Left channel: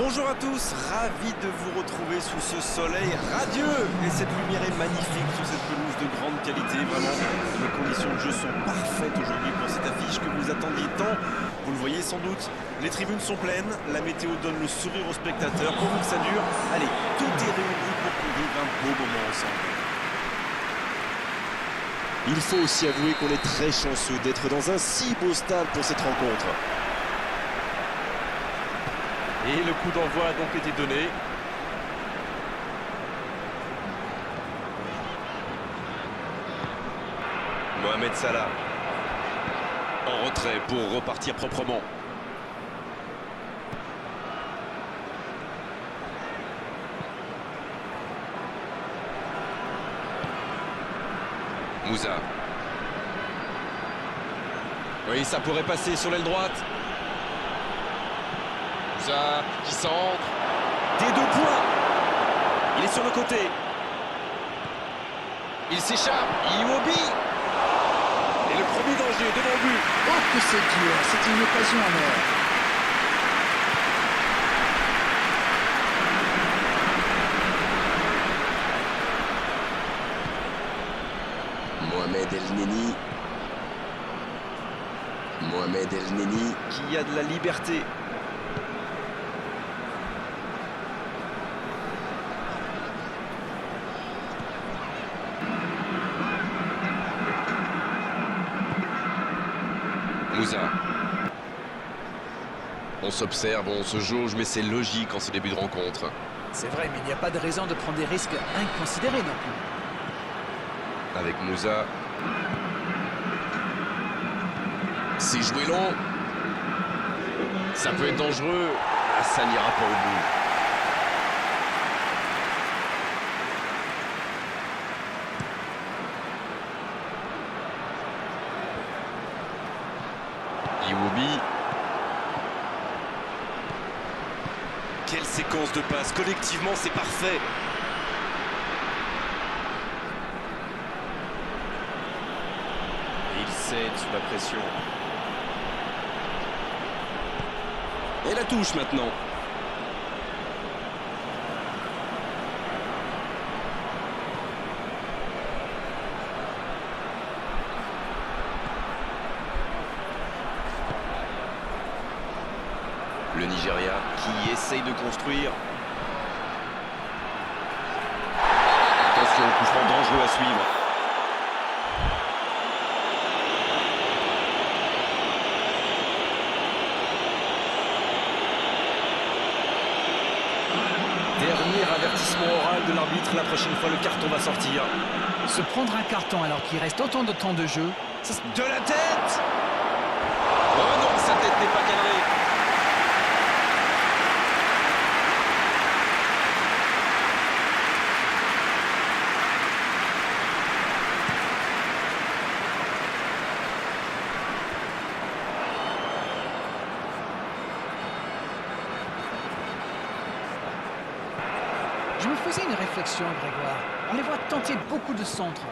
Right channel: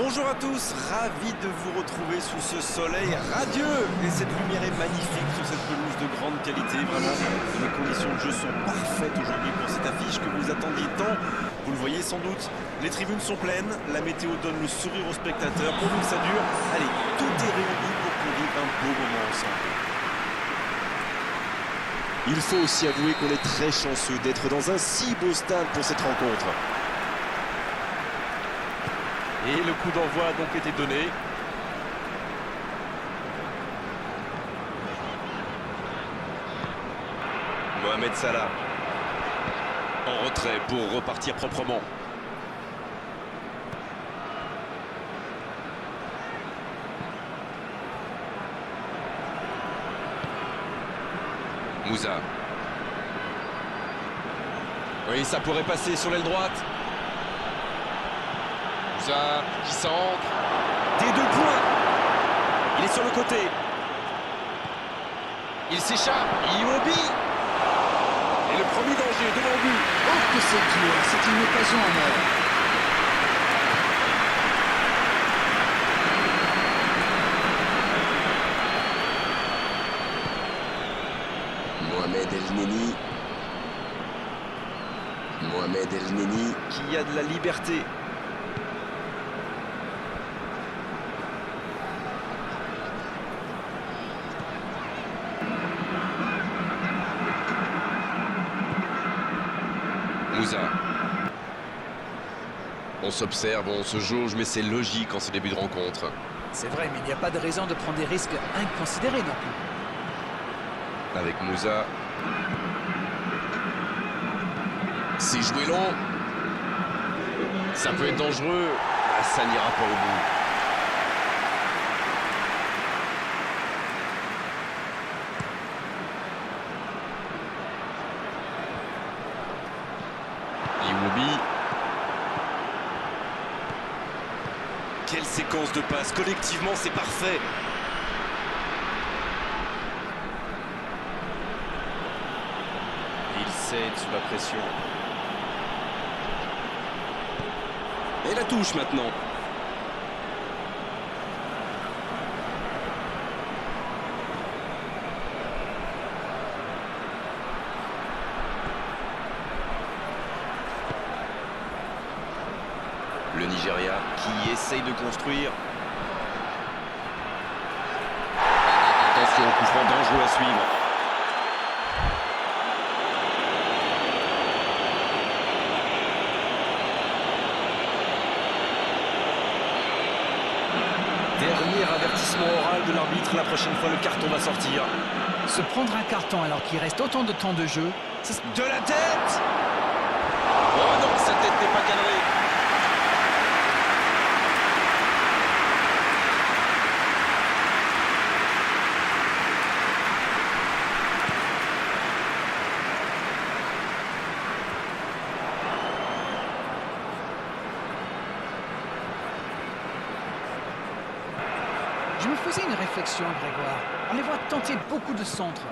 Bonjour à tous, ravi de vous retrouver sous ce soleil radieux. Et cette lumière est magnifique sur cette pelouse de grande qualité, vraiment. Les conditions de jeu sont parfaites aujourd'hui pour cette affiche que vous attendiez tant. Vous le voyez sans doute, les tribunes sont pleines, la météo donne le sourire aux spectateurs. Pourvu que ça dure, allez, tout est réuni pour qu'on vive un beau moment ensemble. Il faut aussi avouer qu'on est très chanceux d'être dans un si beau stade pour cette rencontre. Et le coup d'envoi a donc été donné. Mohamed Salah. En retrait pour repartir proprement. Moussa. Oui, ça pourrait passer sur l'aile droite. Moussa qui centre. Des deux points. Il est sur le côté. Il s'échappe. Iwobi. Et le premier danger devant le but. Oh que c'est dur, c'est une occasion en or. Mohamed El Neni. Mohamed El Neni. Qui a de la liberté. Moussa. On s'observe, on se jauge, mais c'est logique en ce début de rencontre. C'est vrai, mais il n'y a pas de raison de prendre des risques inconsidérés non plus. Avec Moussa. C'est joué long. Ça peut être dangereux. Ah, ça n'ira pas au bout. Iwobi. Quelle séquence de passes. Collectivement, c'est parfait. Et il cède sous la pression. Et la touche maintenant. Le Nigeria qui essaye de construire. Attention, coup franc dangereux à suivre. Dernier avertissement oral de l'arbitre. La prochaine fois, le carton va sortir. Se prendre un carton alors qu'il reste autant de temps de jeu, ça... De la tête! Oh non, sa tête n'est pas cadrée. Je me faisais une réflexion, Grégoire. On les voit tenter beaucoup de centres.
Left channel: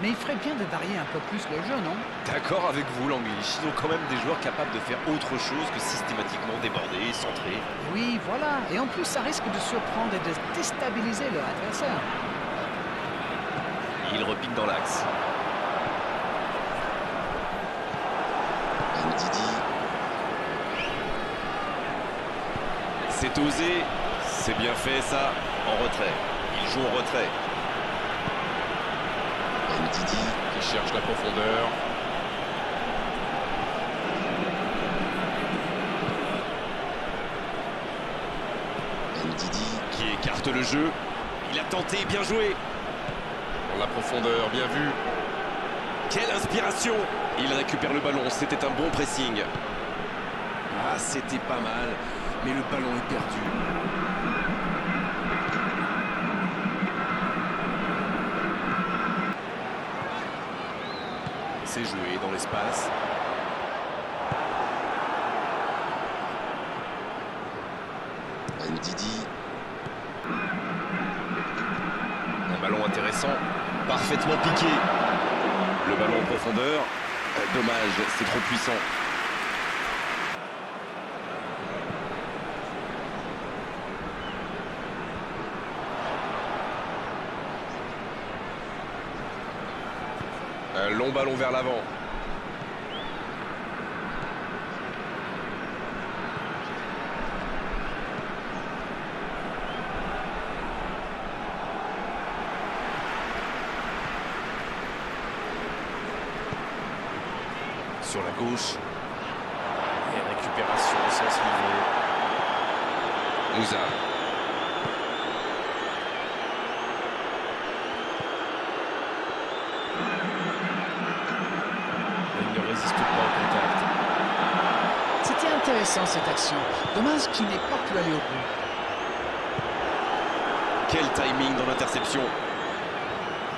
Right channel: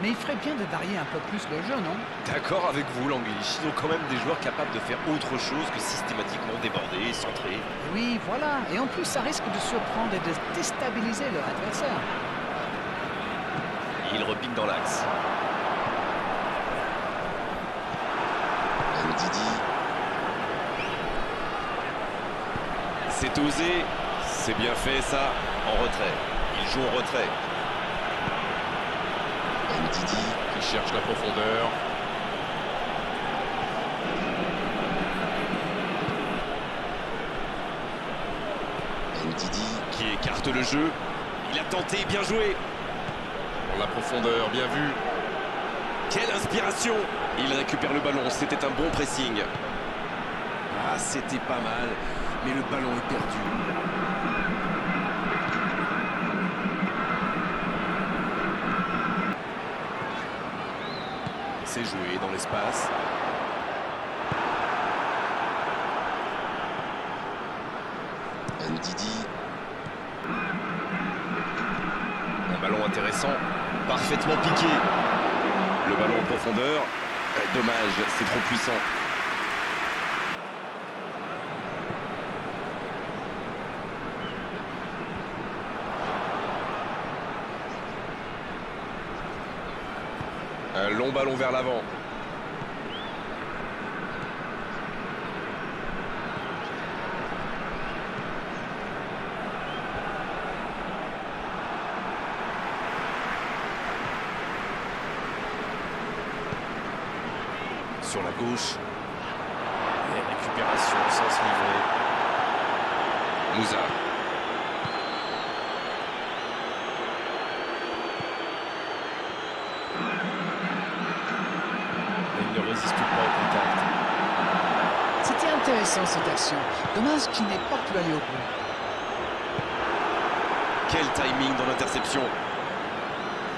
Mais il ferait bien de varier un peu plus le jeu, non? D'accord avec vous, Languish. Ils ont quand même des joueurs capables de faire autre chose que systématiquement déborder et centrer. Oui, voilà. Et en plus, ça risque de surprendre et de déstabiliser leur adversaire. Il repique dans l'axe. Ndidi. C'est osé. C'est bien fait, ça. En retrait. Il joue en retrait. Ndidi Qui cherche la profondeur. Ndidi. Qui écarte le jeu. Il a tenté, bien joué. Pour la profondeur, bien vu. Quelle inspiration! Il récupère le ballon, c'était un bon pressing. Ah, c'était pas mal, mais le ballon est perdu. C'est joué dans l'espace. Ndidi. Un ballon intéressant, parfaitement piqué. Le ballon en profondeur. Dommage, c'est trop puissant. Un long ballon vers l'avant. Sur la gauche. Et récupération au sens livré. Moussa. Il ne résiste pas au contact. C'était intéressant cette action. Dommage qu'il n'ait pas pu aller au bout. Quel timing dans l'interception.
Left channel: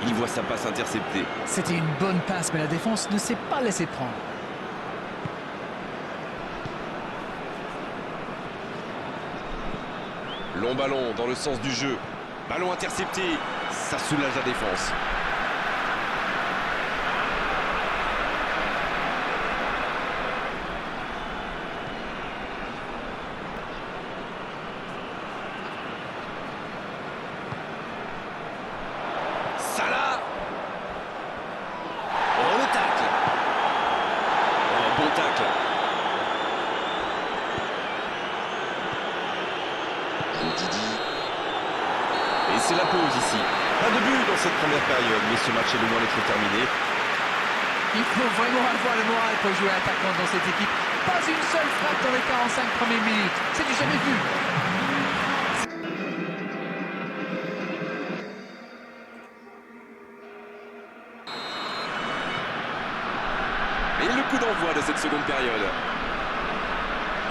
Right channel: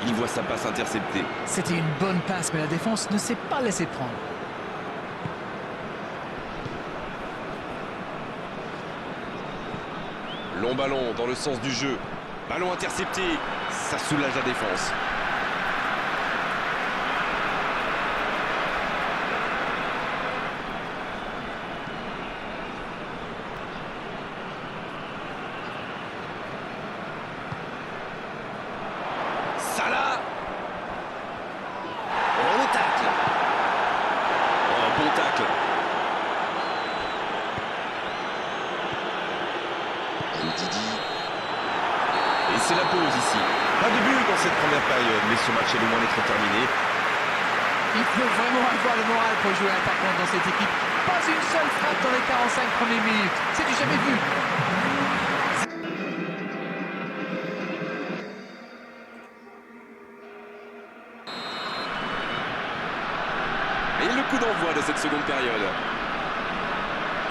Il voit sa passe interceptée. C'était une bonne passe, mais la défense ne s'est pas laissée prendre. Long ballon dans le sens du jeu. Ballon intercepté. Ça soulage la défense. Salah. Oh, le tacle. Oh, un bon tacle. Ndidi. Et c'est la pause ici. Pas de but dans cette première période, mais ce match est loin d'être terminé. Il faut vraiment avoir le moral pour jouer attaquant dans cette équipe. Pas une seule frappe dans les 45 premières minutes. C'est du jamais vu. Et le coup d'envoi de cette seconde période.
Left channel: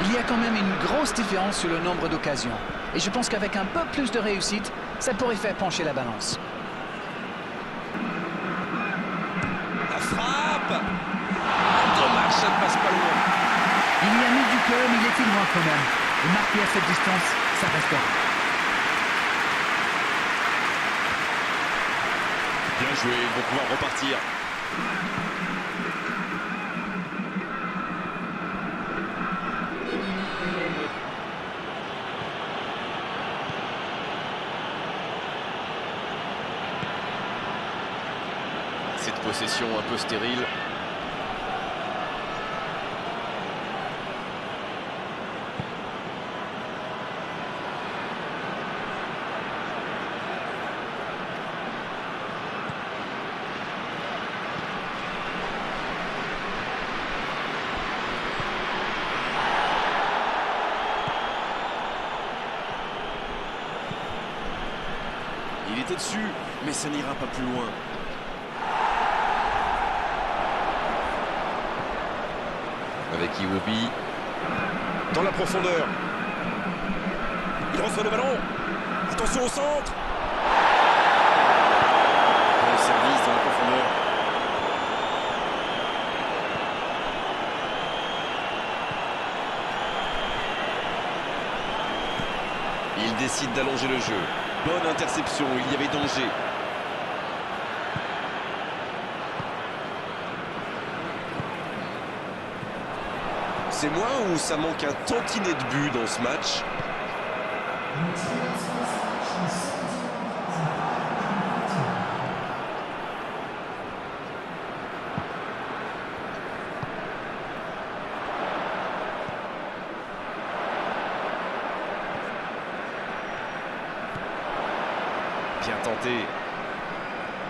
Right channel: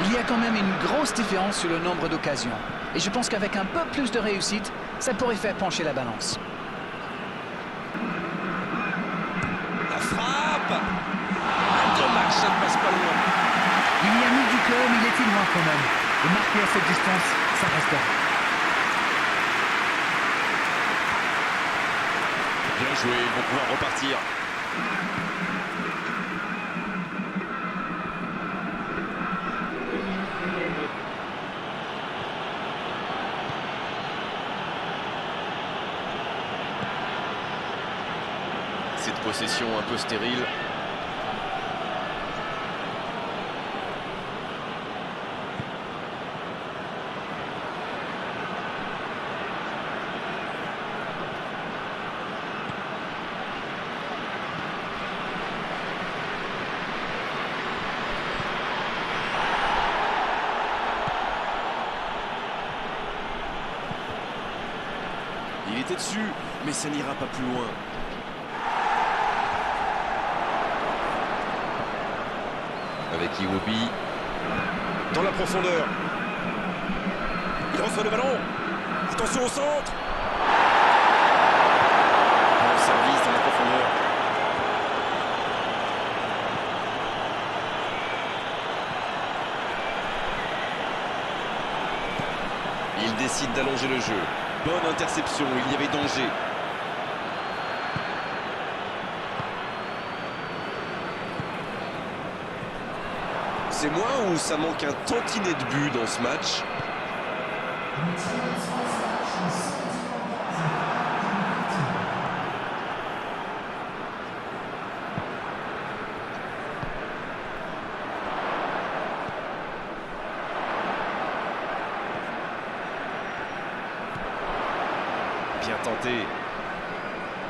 Il y a quand même une grosse différence sur le nombre d'occasions. Et je pense qu'avec un peu plus de réussite, ça pourrait faire pencher la balance. La frappe. Dommage, ça ne passe pas loin. Il y a mis du cœur, mais il était loin quand même. Et marquer à cette distance, ça restera. Bien joué, ils vont pouvoir repartir. Cette possession un peu stérile. Il était dessus, mais ça n'ira pas plus loin. Avec Iwobi. Dans la profondeur. Il reçoit le ballon. Attention au centre. Bon service dans la profondeur. Il décide d'allonger le jeu. Bonne interception, il y avait danger. C'est moi ou ça manque un tantinet de but dans ce match? Bien tenté.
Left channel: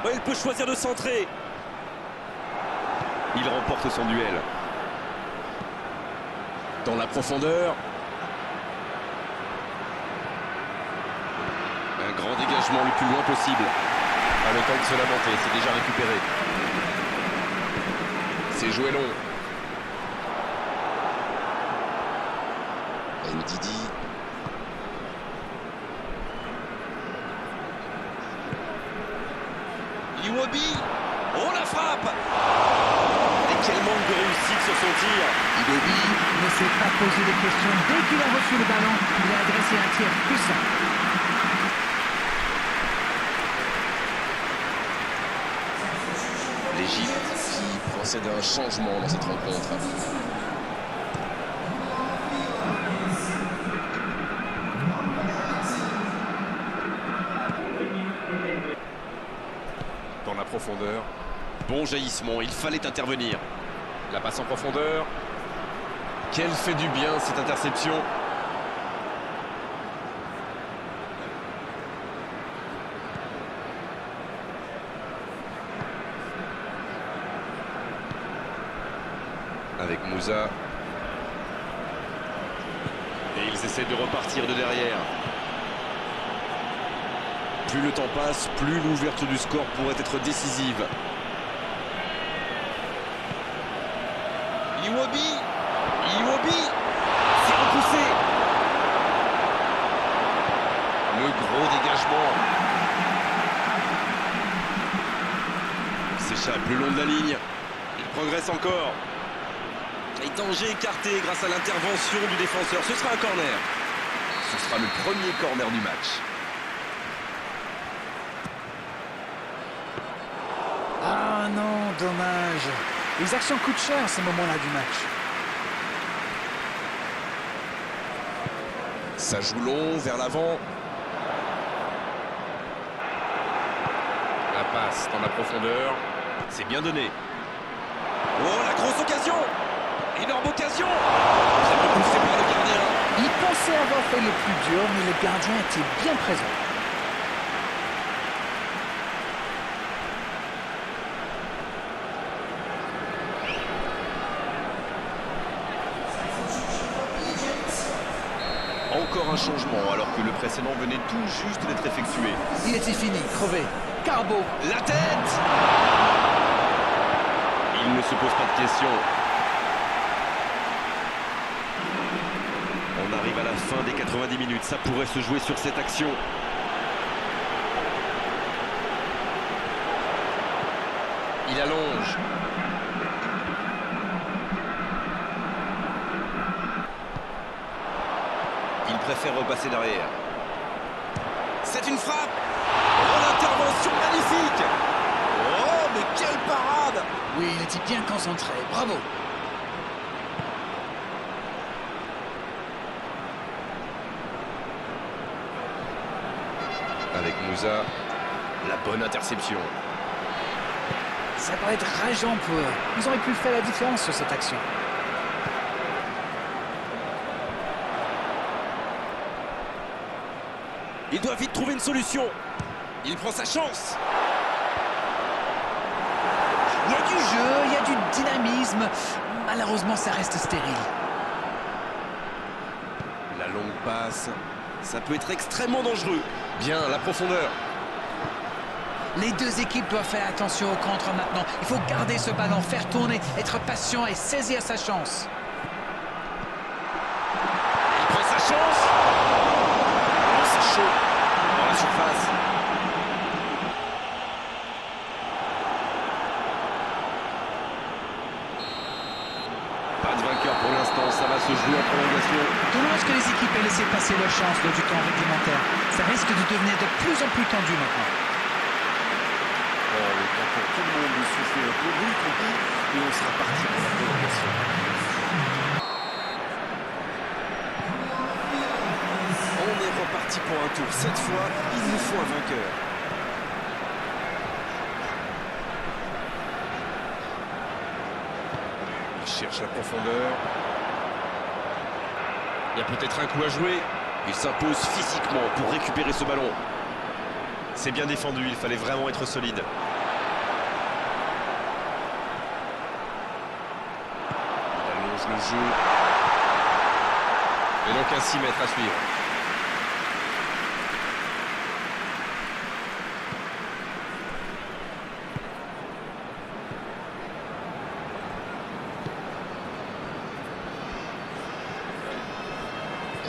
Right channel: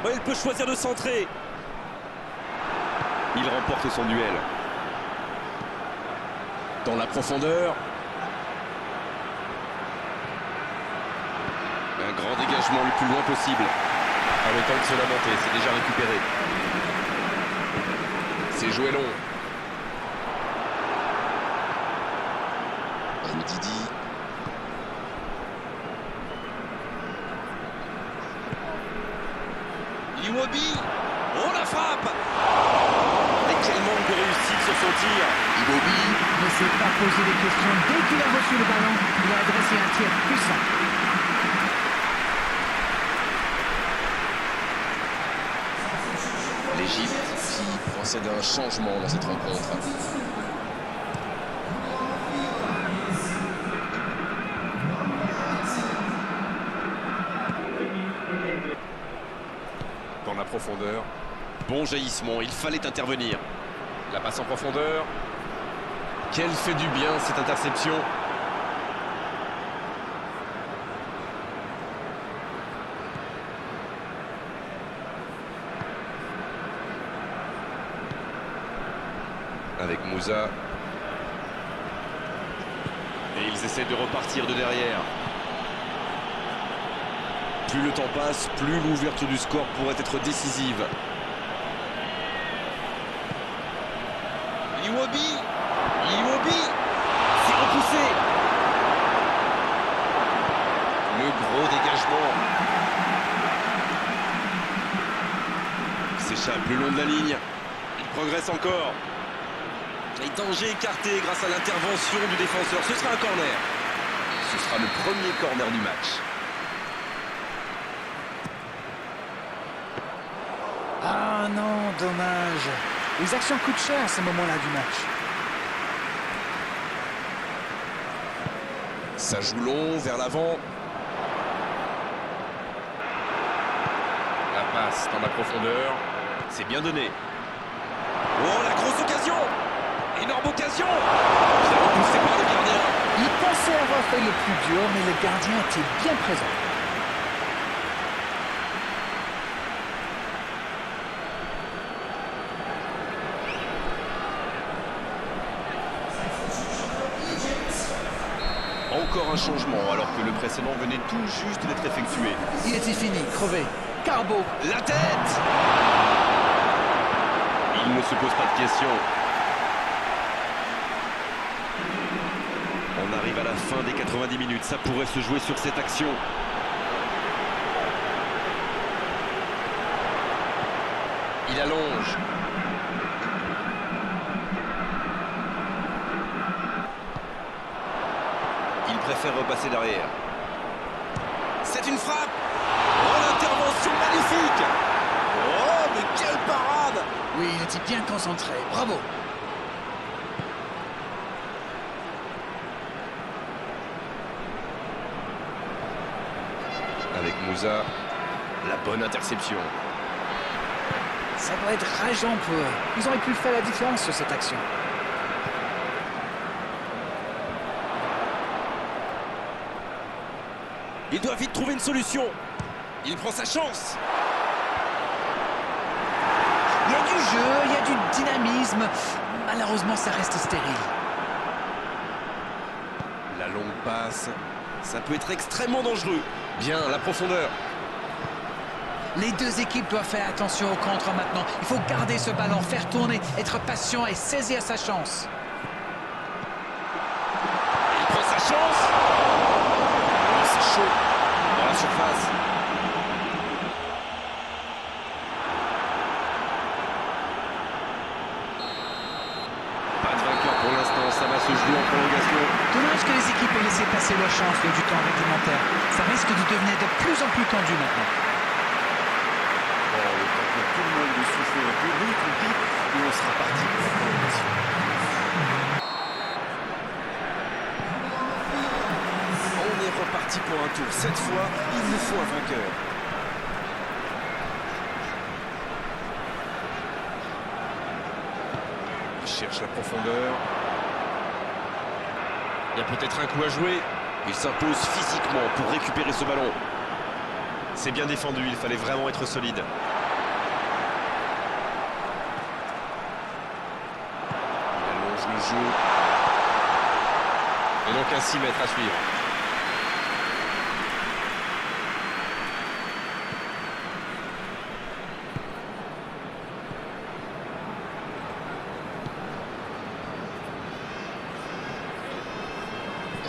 Oh, il peut choisir de centrer. Il remporte son duel. Dans la profondeur. Un grand dégagement le plus loin possible. Pas le temps de se lamenter, c'est déjà récupéré. C'est joué long. Ndidi. Iwobi. Oh, la frappe. Et quel manque de réussite sur son tir. Iwobi. Ne s'est pas posé des questions. Dès qu'il a reçu le ballon, il a adressé un tir puissant. L'Égypte qui procède à un changement dans cette rencontre. Dans la profondeur. Bon jaillissement, il fallait intervenir. La passe en profondeur. Quelle fait du bien cette interception. Avec Moussa. Et ils essaient de repartir de derrière. Plus le temps passe, plus l'ouverture du score pourrait être décisive. Iwobi, c'est repoussé. Le gros dégagement. S'échappe le long de la ligne. Il progresse encore. Et danger écarté grâce à l'intervention du défenseur. Ce sera un corner. Ce sera le premier corner du match. Ah non, dommage. Les actions coûtent cher ces moments-là du match. Ça joue long vers l'avant. La passe dans la profondeur. C'est bien donné. Oh, la grosse occasion! Énorme occasion! Bien repoussé par le gardien. Il pensait avoir fait le plus dur, mais le gardien était bien présent. Encore un changement alors que le précédent venait tout juste d'être effectué. Il était fini, crevé. Carbo. La tête! Il ne se pose pas de questions. On arrive à la fin des 90 minutes. Ça pourrait se jouer sur cette action. Il allonge. Il préfère repasser derrière. C'est une frappe! Oh, l'intervention magnifique! Oh, mais quelle parade! Oui, il était bien concentré. Bravo. Avec Moussa. La bonne interception. Ça va être rageant pour eux. Ils auraient pu faire la différence sur cette action. Il doit vite trouver une solution. Il prend sa chance. Il y a du jeu, il y a du dynamisme. Malheureusement, ça reste stérile. La longue passe. Ça peut être extrêmement dangereux. Bien, la profondeur. Les deux équipes doivent faire attention au contre maintenant. Il faut garder ce ballon, faire tourner, être patient et saisir sa chance. Il prend sa chance. Oh, c'est chaud. Dans la surface. Pas de vainqueur pour l'instant. Ça va se jouer en prolongation. Dommage que les équipes aient laissé passer leur chance lors du temps réglementaire. Ça risque de devenir de plus en plus tendu maintenant. Bon, le temps pour tout le monde de souffler un peu, nous y compris, et on sera parti pour la prolongation. On est reparti pour un tour. Cette fois, il nous faut un vainqueur. Il cherche la profondeur. Il y a peut-être un coup à jouer. Il s'impose physiquement pour récupérer ce ballon. C'est bien défendu, il fallait vraiment être solide. Il allonge le jeu. Et donc un 6 mètres à suivre.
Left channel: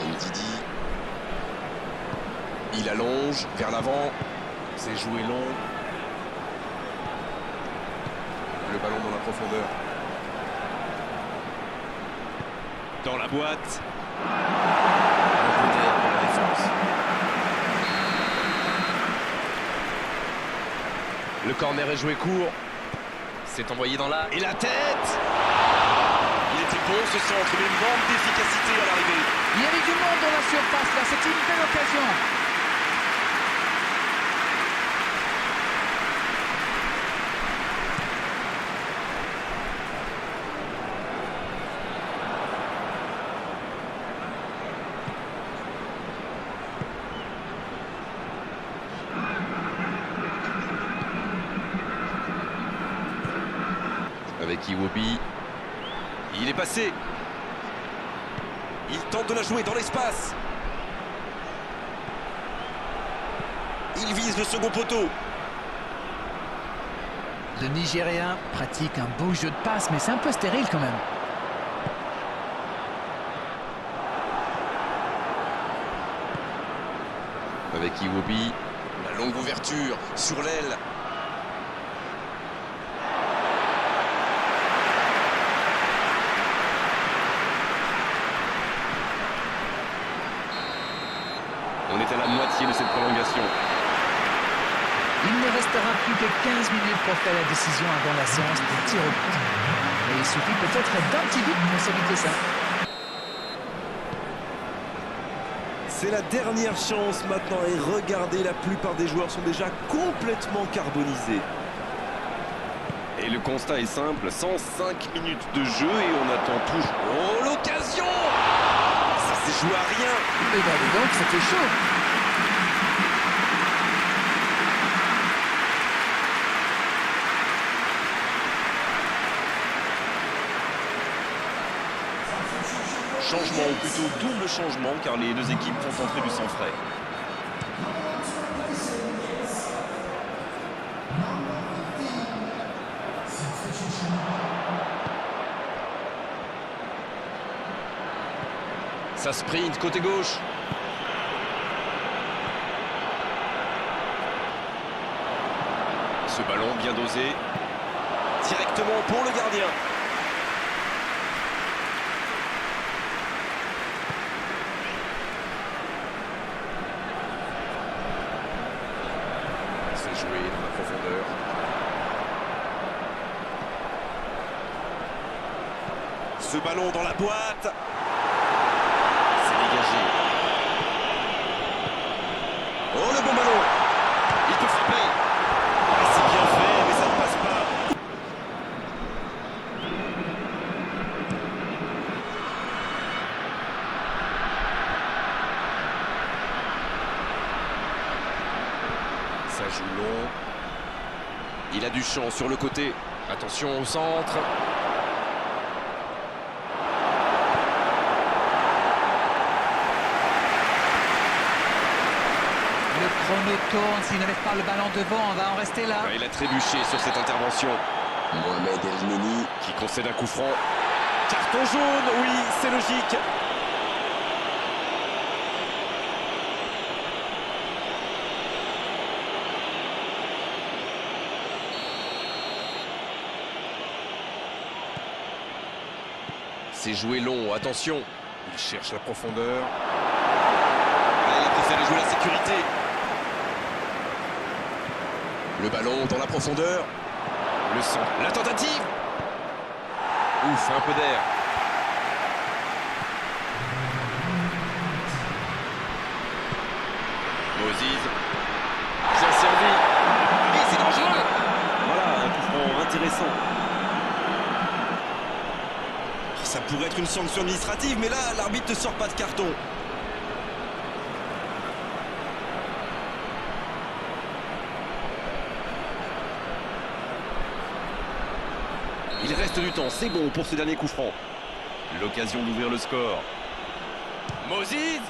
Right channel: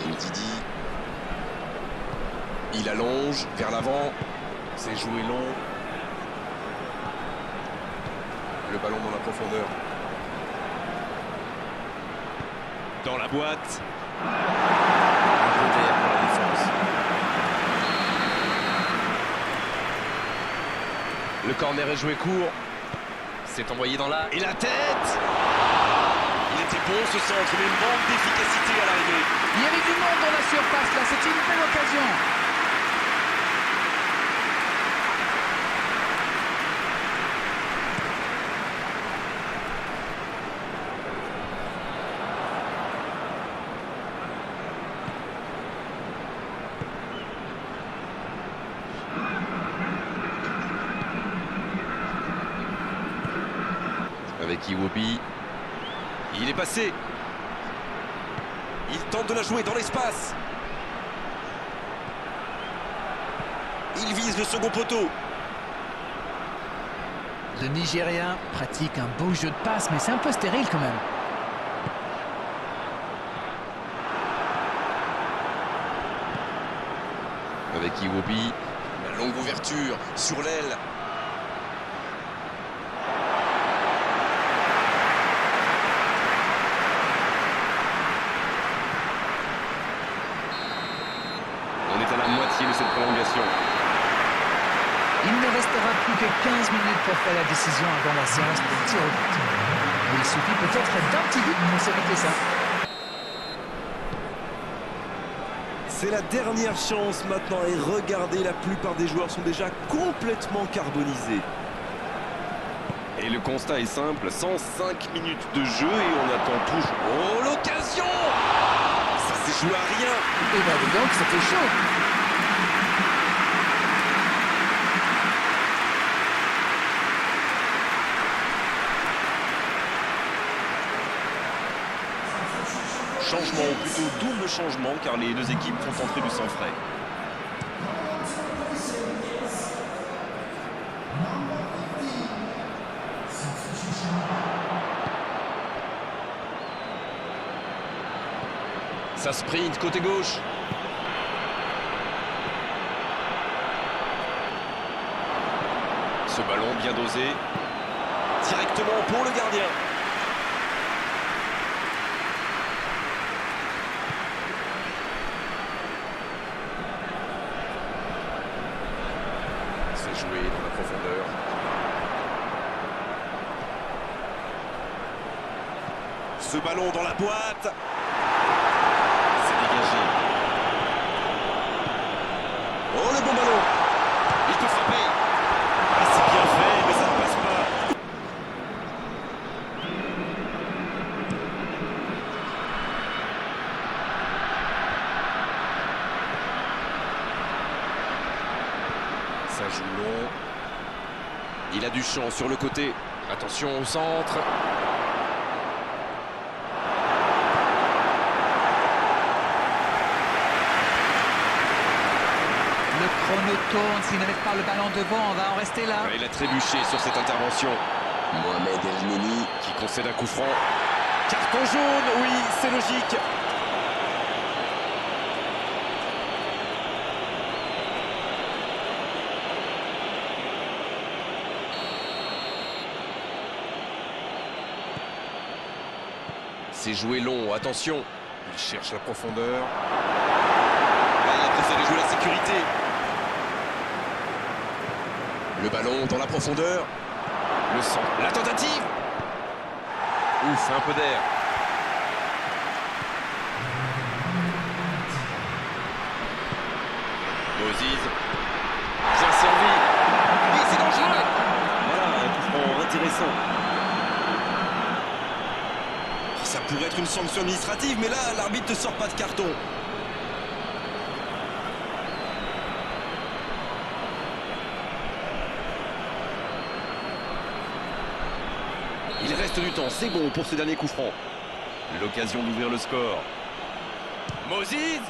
Ndidi. Il allonge vers l'avant. C'est joué long. Le ballon dans la profondeur. Dans la boîte. Un peu d'air pour la défense. Le corner est joué court. C'est envoyé dans la... Et la tête! Il était bon ce centre, mais manque d'efficacité à l'arrivée. Il y avait du monde dans la surface là, c'était une belle occasion. Avec Iwobi. Il est passé. Il tente de la jouer dans l'espace. Il vise le second poteau. Le Nigérien pratique un beau jeu de passe, mais c'est un peu stérile quand même. Avec Iwobi. La longue ouverture sur l'aile. On est à la moitié de cette prolongation. Il ne restera plus que 15 minutes pour faire la décision avant la séance de tir au but. Et il suffit peut-être d'un petit but pour s'éviter ça. C'est la dernière chance maintenant et regardez, la plupart des joueurs sont déjà complètement carbonisés. Et le constat est simple, 105 minutes de jeu et on attend toujours. Oh, l'occasion! Ça s'est joué à rien. Et ben dis donc, c'était chaud. Changement, ou plutôt double changement, car les deux équipes font entrer du sang frais. Ça sprint côté gauche. Ce ballon bien dosé. Directement pour le gardien. C'est joué dans la profondeur. Ce ballon dans la boîte. C'est dégagé. Oh, le bon ballon. Il peut frapper. Ah, c'est bien fait, mais ça ne passe pas. Ça joue long. Il a du champ sur le côté. Attention au centre. Le chrono tourne, s'il ne met pas le ballon devant, on va en rester là. Il a trébuché sur cette intervention. Mohamed El Neni. Qui concède un coup franc. Carton jaune, oui, c'est logique. C'est joué long, attention. Il cherche la profondeur. Là, il a préféré jouer la sécurité. Le ballon dans la profondeur. Le centre. La tentative. Ouf, un peu d'air. Moses. Bien servi. Et c'est dangereux. Voilà, un coup franc intéressant. Ça pourrait être une sanction administrative, mais là, l'arbitre ne sort pas de carton. Il reste du temps, c'est bon pour ce dernier coup franc. L'occasion d'ouvrir le score. Moses.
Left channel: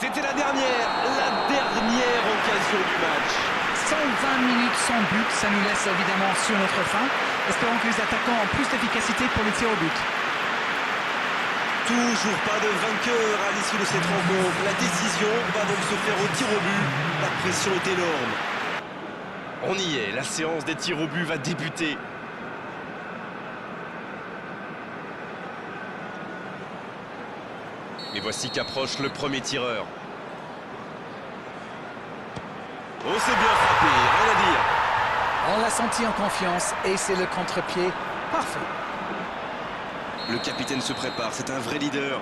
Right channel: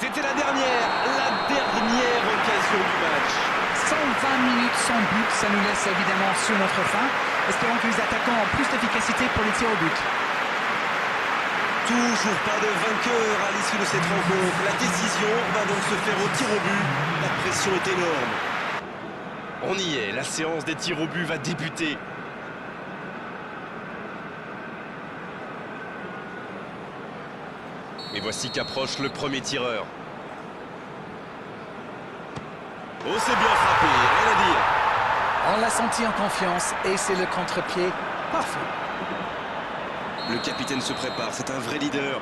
C'était la dernière occasion du match. 120 minutes sans but, ça nous laisse évidemment sur notre faim. Espérons que les attaquants ont plus d'efficacité pour les tirs au but. Toujours pas de vainqueur à l'issue de cette rencontre. La décision va donc se faire au tir au but. La pression est énorme. On y est, la séance des tirs au but va débuter. Et voici qu'approche le premier tireur. Oh, c'est bien frappé, rien à dire. On l'a senti en confiance et c'est le contre-pied parfait. Le capitaine se prépare, c'est un vrai leader,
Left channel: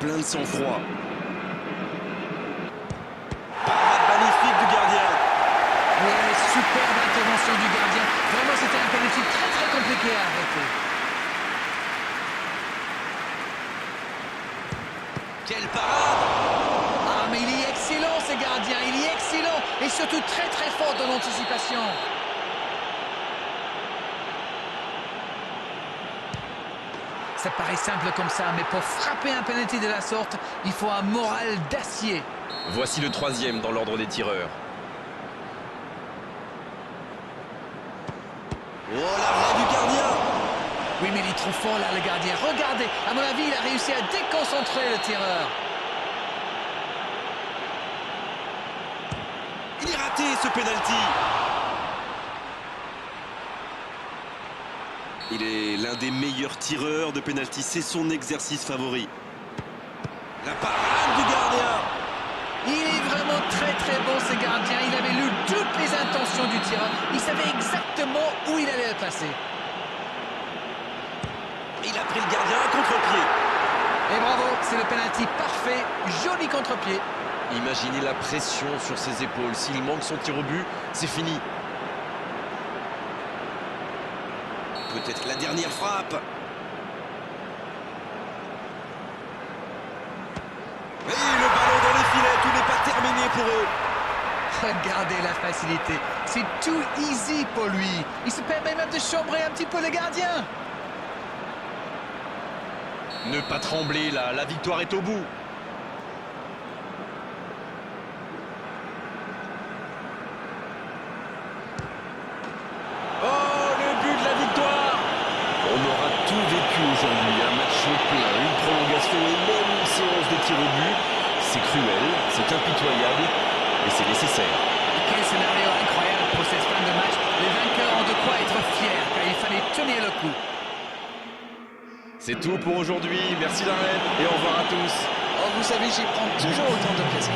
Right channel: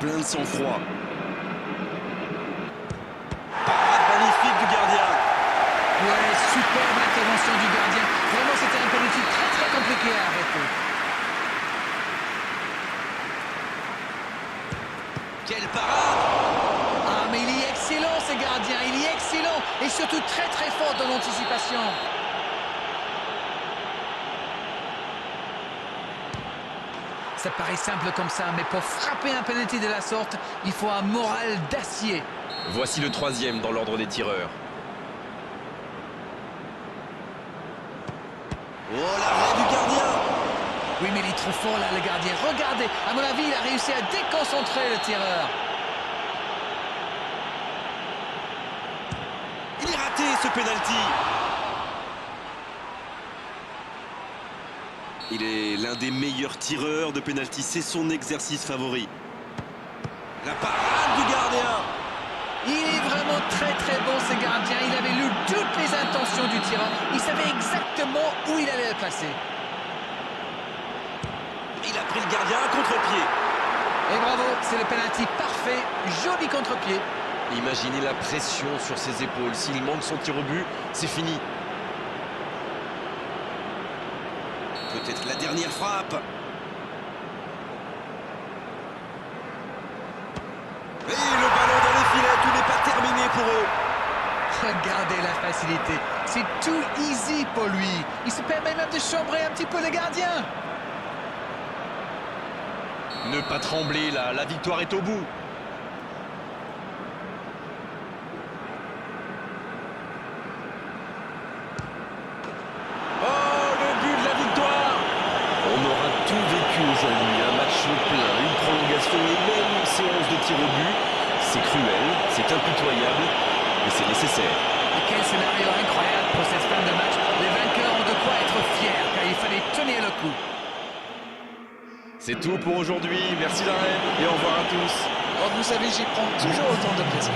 plein de sang-froid. Parade magnifique du gardien. Ouais, superbe intervention du gardien. Vraiment, c'était un penalty très compliqué à arrêter. Quelle parade! Ah, mais il est excellent, ce gardien. Il est excellent et surtout très fort dans l'anticipation. Ça paraît simple comme ça, mais pour frapper un penalty de la sorte, il faut un moral d'acier. Voici le troisième dans l'ordre des tireurs. Oh, l'arrêt du gardien! Oui, mais il est trop fort là, le gardien. Regardez, à mon avis, il a réussi à déconcentrer le tireur. Il est raté, ce penalty! Il est l'un des meilleurs tireurs de penalty, c'est son exercice favori. La parade du gardien! Il est vraiment très très bon, ce gardien. Il avait lu toutes les intentions du tireur. Il savait exactement où il allait le placer. Il a pris le gardien à contre-pied. Et bravo, c'est le penalty parfait. Joli contre-pied. Imaginez la pression sur ses épaules. S'il manque son tir au but, c'est fini. Peut-être la dernière frappe. Et le ballon dans les filets, tout n'est pas terminé pour eux. Regardez la facilité. C'est tout easy pour lui. Il se permet même de chambrer un petit peu le gardien. Ne pas trembler là, la victoire est au bout. Oh, le but de la victoire! On aura tout vécu aujourd'hui, un match plein, une prolongation et même une séance de tir au but. C'est cruel, c'est impitoyable, mais c'est nécessaire. Et quel scénario incroyable pour cette fin de match. Les vainqueurs ont de quoi être fiers, car il fallait tenir le coup. C'est tout pour aujourd'hui, merci la reine et au revoir à tous. Oh, vous savez, j'y prends toujours autant de plaisir.